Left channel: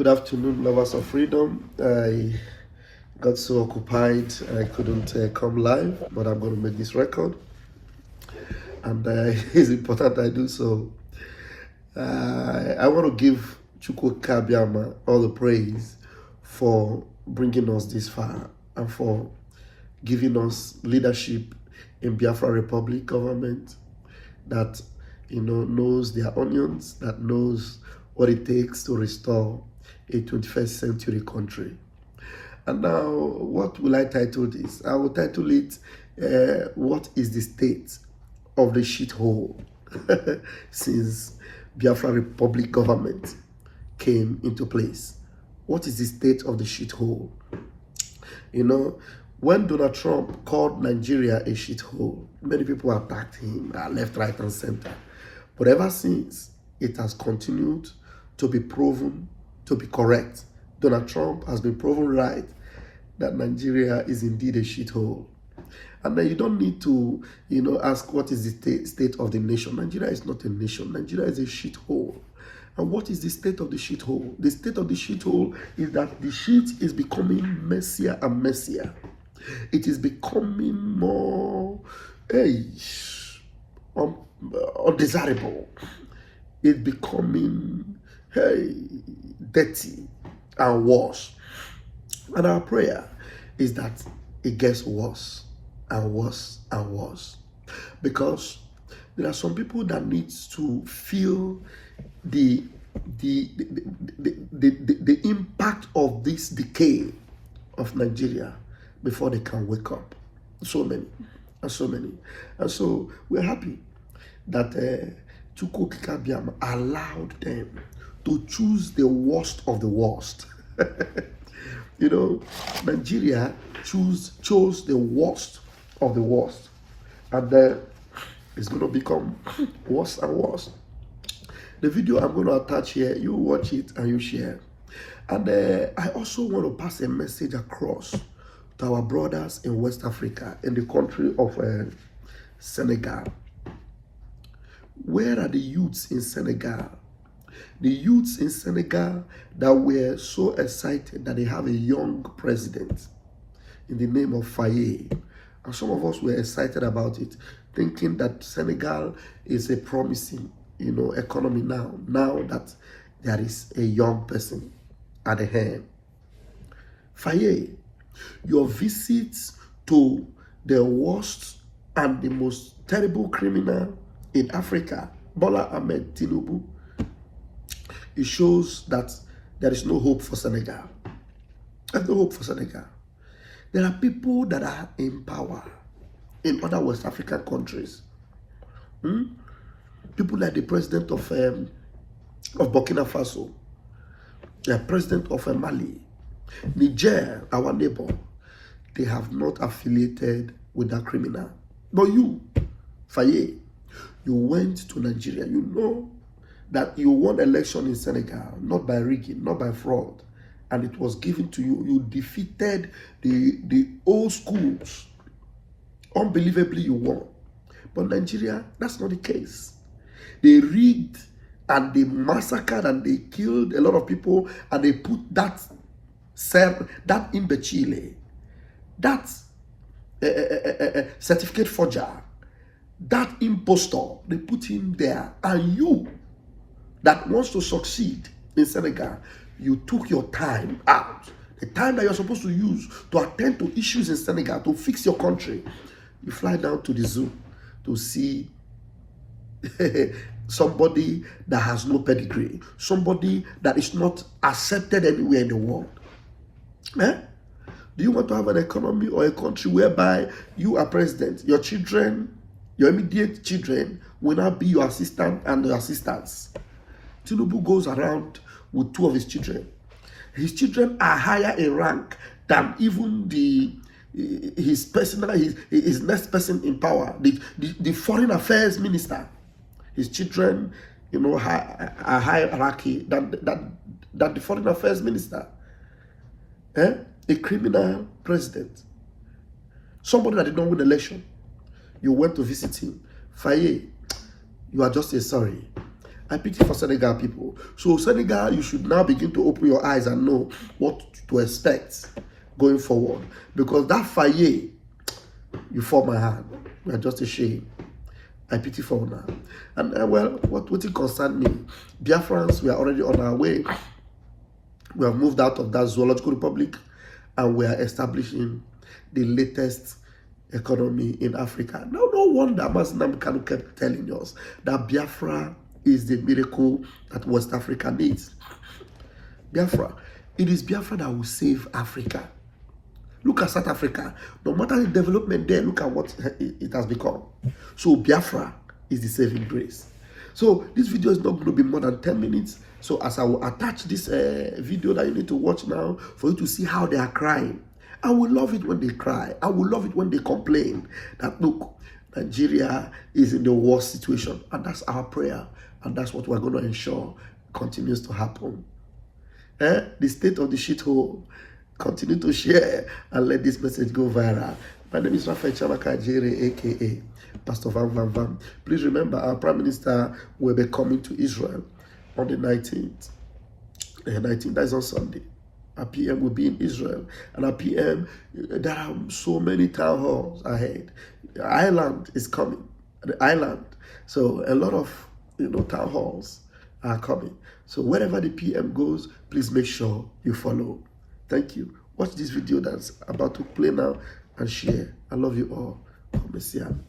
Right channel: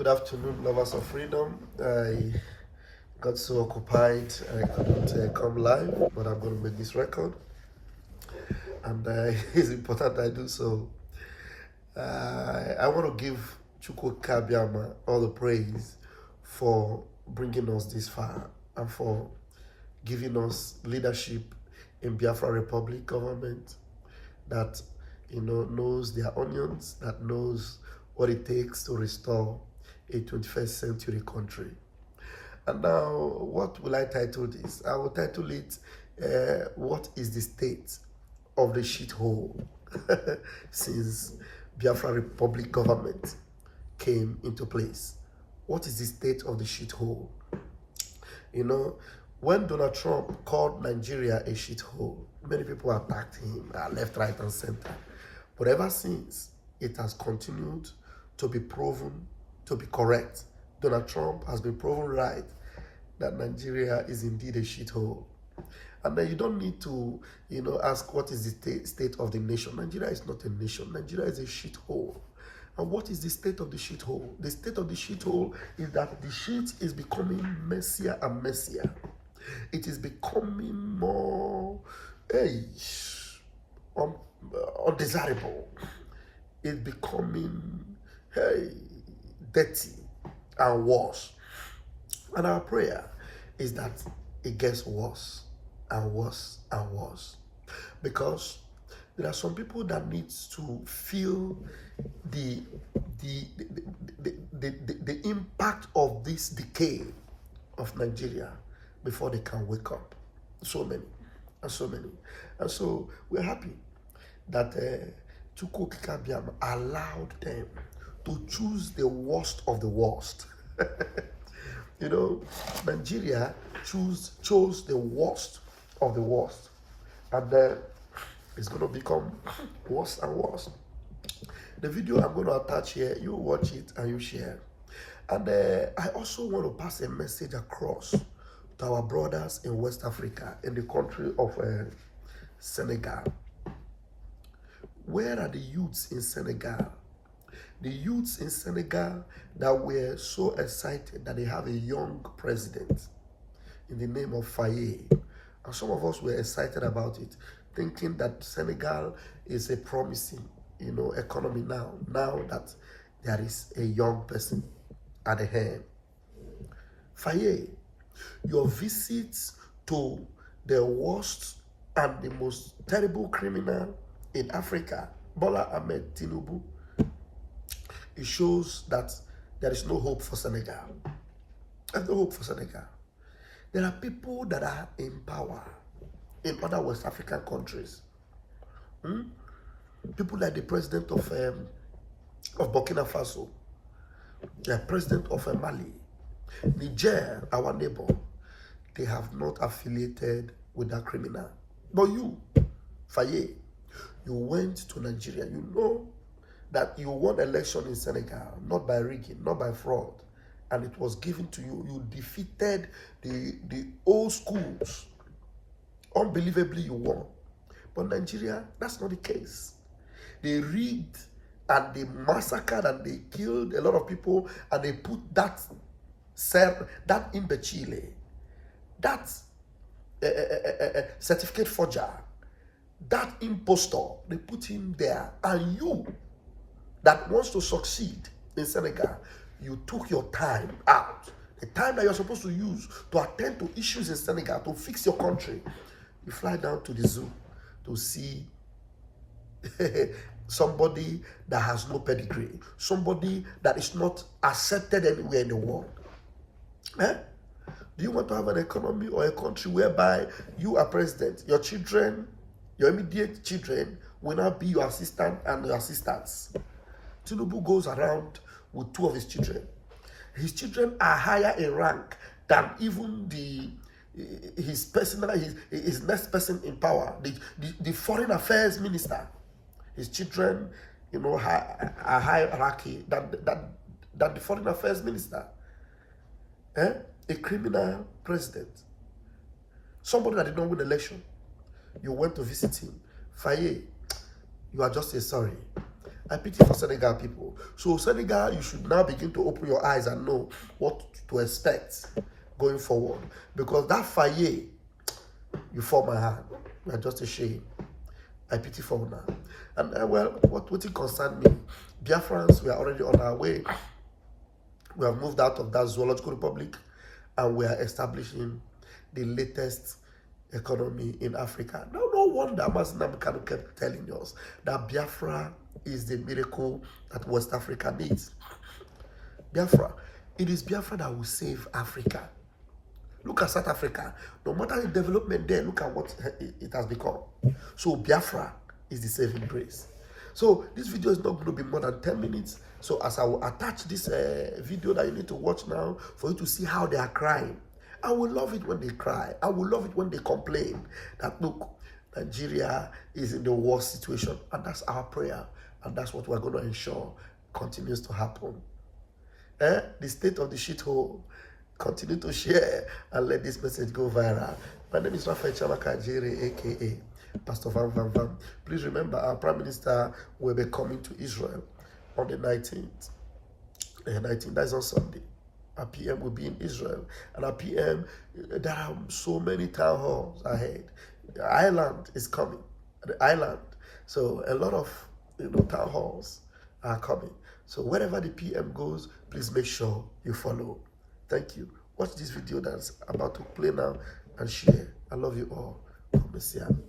Good afternoon, lovers of freedom. I got so occupied I couldn't come live, but I'm going to make this record, and it's important I do so. I want to give Chukwu Kabiama all the praise for bringing us this far and for giving us leadership in Biafra Republic government that knows their onions, that knows what it takes to restore a 21st century country. And now, what will I title this? I will title it, What is the State of the Shithole since Biafra Republic government came into place? What is the state of the shithole? When Donald Trump called Nigeria a shithole, many people attacked him, left, right, and center. But ever since, it has continued to be proven to be correct. Donald Trump has been proven right that Nigeria is indeed a shithole. And then you don't need to, ask what is the state of the nation. Nigeria is not a nation. Nigeria is a shithole. And what is the state of the shithole? The state of the shithole is that the shit is becoming messier and messier. It is becoming more undesirable. It's becoming dirty and worse. And our prayer is that it gets worse and worse and worse. Because there are some people that need to feel the impact of this decay of Nigeria before they can wake up. So many and so many. And so we're happy that Chukwu Kabiam allowed them to choose the worst of the worst. Nigeria chose the worst of the worst. And it's going to become worse and worse. The video I'm going to attach here, you watch it and you share. And I also want to pass a message across to our brothers in West Africa, in the country of Senegal. Where are the youths in Senegal? The youths in Senegal that were so excited that they have a young president in the name of Faye. And some of us were excited about it, thinking that Senegal is a promising, economy now that there is a young person at the helm. Faye, your visits to the worst and the most terrible criminal in Africa, Bola Ahmed Tinubu, it shows that there is no hope for Senegal. There's no hope for Senegal. There are people that are in power in other West African countries. People like the president of Burkina Faso, the president of Mali, Niger, our neighbor. They have not affiliated with that criminal. But you, Faye, you went to Nigeria. You know that you won election in Senegal, not by rigging, not by fraud. And it was given to you. You defeated the old schools. Unbelievably, you won. But Nigeria, that's not the case. They rigged and they massacred and they killed a lot of people, and they put that imbecile, that certificate forger, that impostor, they put him there. And you that wants to succeed in Senegal, you took your time out, the time that you're supposed to use to attend to issues in Senegal, to fix your country. You fly down to the zoo to see somebody that has no pedigree, somebody that is not accepted anywhere in the world. Do you want to have an economy or a country whereby you are president, your children, your immediate children will not be your assistant and your assistants? Tinubu goes around with two of his children. His children are higher in rank than even his next person in power, the foreign affairs minister. His children, are hierarchy than the foreign affairs minister. A criminal president, somebody that did not win election. You went to visit him. Faye, you are just a sorry. I pity for Senegal people. So Senegal, you should now begin to open your eyes and know what to expect going forward. Because that fire, you fall my hand. We are just ashamed. I pity for now. And well, what it concern me? Biafrans, we are already on our way. We have moved out of that zoological republic and we are establishing the latest economy in Africa. No wonder Masnam Kanu kept telling us that Biafra is the miracle that West Africa needs. Biafra, it is Biafra that will save Africa. Look at South Africa. No matter the development there, look at what it has become. So Biafra is the saving grace. So this video is not going to be more than 10 minutes. So as I will attach this video that you need to watch now for you to see how they are crying. I will love it when they cry. I will love it when they complain that, look, Nigeria is in the worst situation. And that's our prayer. And that's what we're going to ensure continues to happen. The state of the shithole. Continue to share and let this message go viral. My name is Rafael Chamaka Jere, aka Pastor Van Van Van. Please remember, our Prime Minister will be coming to Israel on the 19th. 19th, that's on Sunday. Our PM will be in Israel. And our PM, there are so many town halls ahead. The island is coming. The island. So a lot of town halls are coming. So wherever the PM goes, please make sure you follow. Thank you. Watch this video that's about to play now and share. I love you all.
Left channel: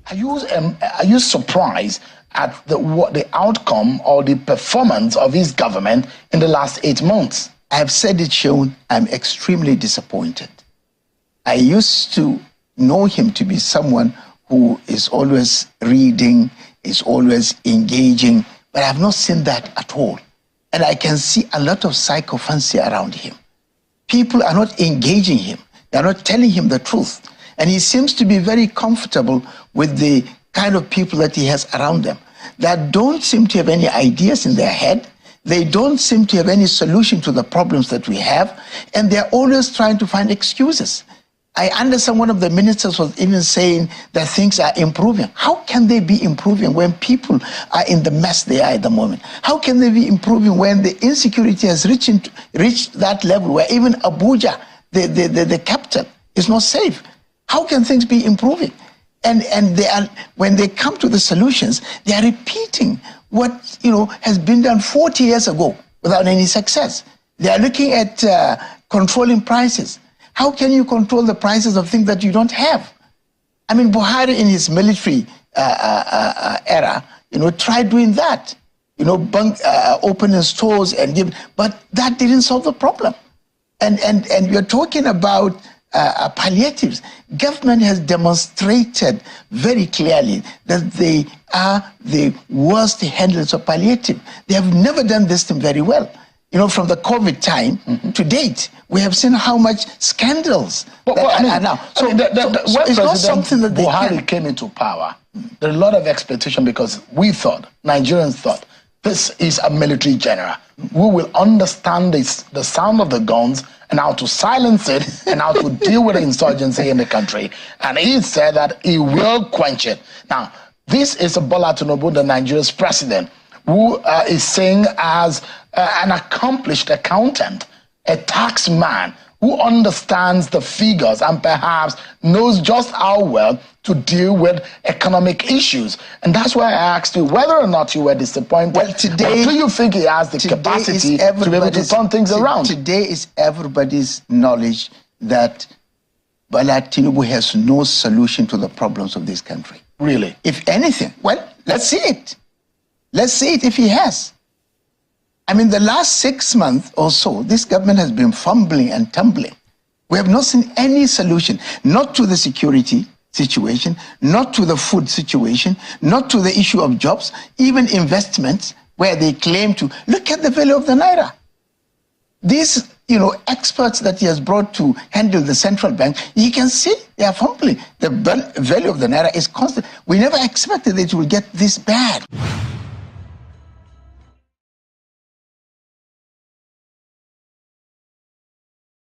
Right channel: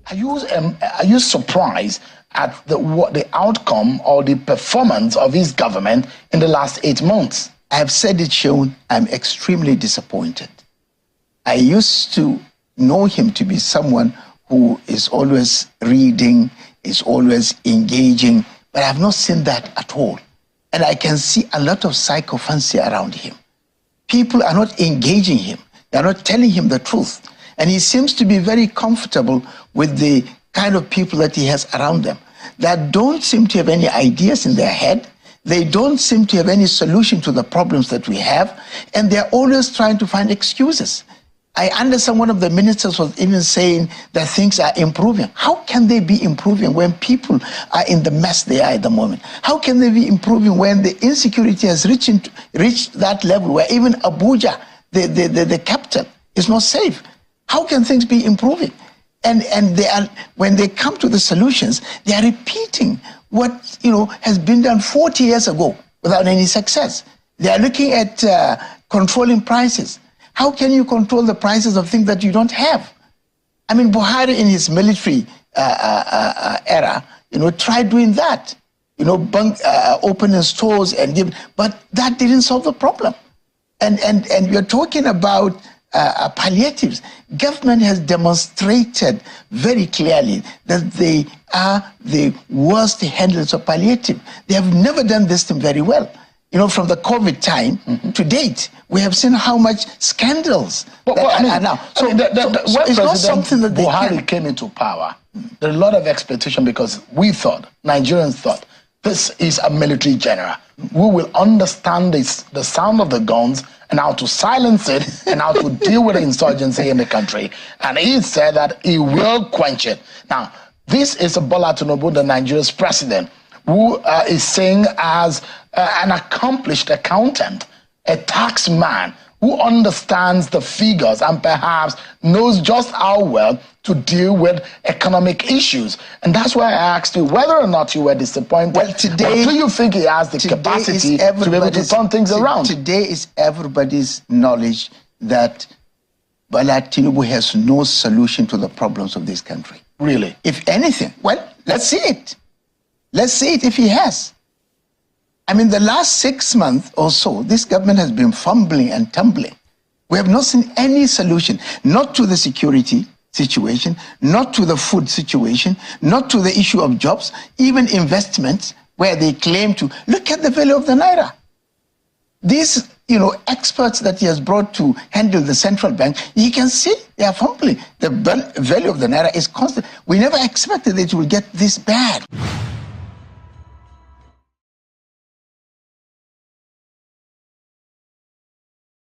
Are you surprised at the outcome or the performance of his government in the last 8 months? I have said it, Sean. I'm extremely disappointed. I used to know him to be someone who is always reading, is always engaging, but I have not seen that at all. And I can see a lot of sycophancy around him. People are not engaging him. They are not telling him the truth. And he seems to be very comfortable with the kind of people that he has around them that don't seem to have any ideas in their head. They don't seem to have any solution to the problems that we have. And they're always trying to find excuses. I understand one of the ministers was even saying that things are improving. How can they be improving when people are in the mess they are at the moment? How can they be improving when the insecurity has reached that level where even Abuja, the capital, is not safe? How can things be improving? And they are, when they come to the solutions, they are repeating what has been done 40 years ago without any success. They are looking at controlling prices. How can you control the prices of things that you don't have? I mean, Buhari in his military era, tried doing that, opening stores and give, but that didn't solve the problem. And we're talking about palliatives. Government has demonstrated very clearly that they are the worst handlers of palliative. They have never done this thing very well. From the COVID time to date, we have seen how much scandals are now. So, when it's not something that Buhari came into power, there are a lot of expectation because Nigerians thought, this is a military general who will understand the sound of the guns and how to silence it and how to deal with the insurgency in the country. And he said that he will quench it. Now, this is Bola Tinubu, the Nigeria's president, who is saying as an accomplished accountant, a tax man who understands the figures and perhaps knows just how well to deal with economic issues. And that's why I asked you whether or not you were disappointed. Well, today, or do you think he has the capacity to be able to turn things around? Today is everybody's knowledge that Bola Tinubu has no solution to the problems of this country. Really? If anything, well, let's see it. Let's see it if he has. I mean, the last 6 months or so, this government has been fumbling and tumbling. We have not seen any solution, not to the security situation, not to the food situation, not to the issue of jobs, even investments, where they claim to look at the value of the naira. These, experts that he has brought to handle the central bank, you can see they are fumbling. The value of the naira is constant. We never expected it would get this bad.